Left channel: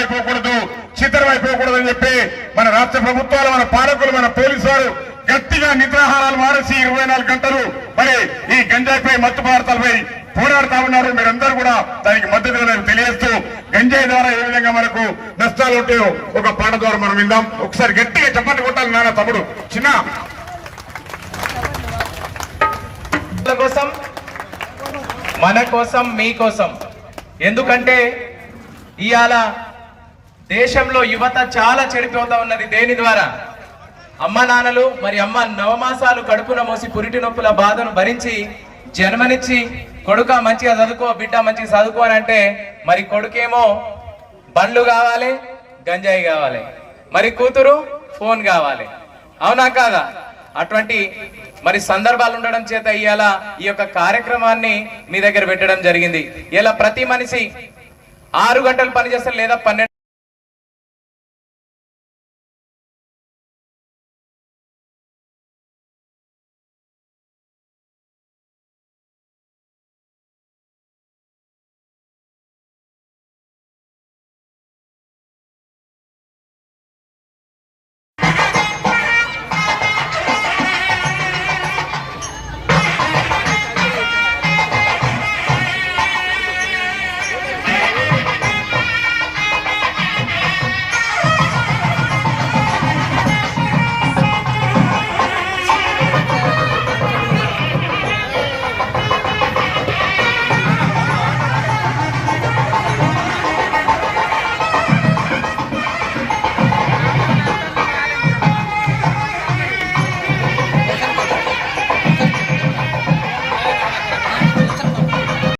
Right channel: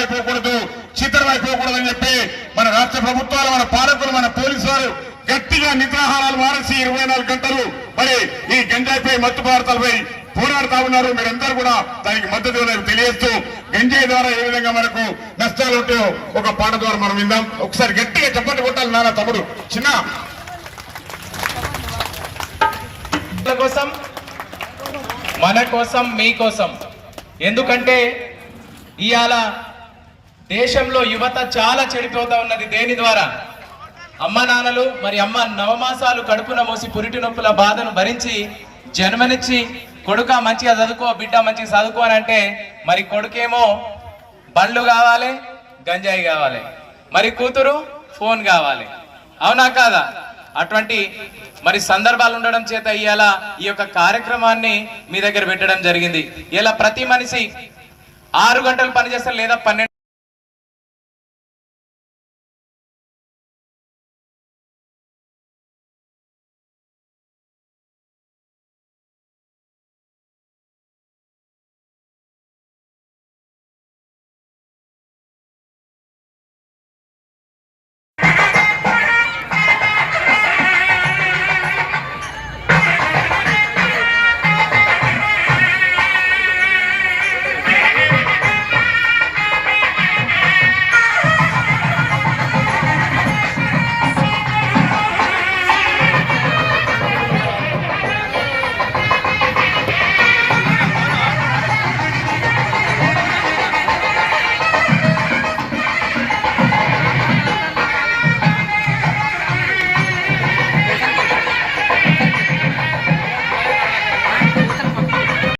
అయిపోకూడదు, చిత్రమైపోకూడదు అని చెప్పి మన రాష్ట్ర ప్రభుత్వాలు, మన పాలకులు, మన పోలీసు వారు గట్టిగా నిద్రాహారాలు మానేసి 24 గంటలు మరి ఈ గంజాయిపై, మత్తు పదార్థాలపై పోరాడుతా ఉన్నారు. మీరందరూ కూడా దానికి మద్దతు తెలియజేస్తూ గంజాయి ద్వారా ఏ విధంగా మనకు నష్టాలు ఉంటాయో ఒక పాట ద్వారా మనం విందాం. ఒకసారి గట్టిగా చప్పట్లు కొట్టాలి నాన్న తమ్ముడు చిన్న కోసం, మన కోసం, మీకోసం. ఎందుకంటే ఇవాళ దేశంలో యువత చాలా చెడిపోతా ఉన్నది. దేని ద్వారా? అమ్మ నాన్నలు మరి అమ్మ నవమాసాలు కడుపున మోసి పురిటి నొప్పుల బాధను భరించి జన్మనిచ్చి కొడుక మంచిగా చదువుకో, బిడ్డ మంచిగా చదువుకో అని అంటే మరి కొడుకేమో బండ్లు కావాలి, గంజాయి కావాలి, మరి కూతురు ఫోన్ కావాలి. అవునా కాదా? అటువంటి మరి సందర్భాలు ఉండడం చేత ఇవాళ ఈ యొక్క కార్యక్రమాన్ని మీ దగ్గర పెట్టడం జరిగింది. ఇలా ప్రతి మనిషి 6 గంటలు పనిచేస్తారు లేదా 12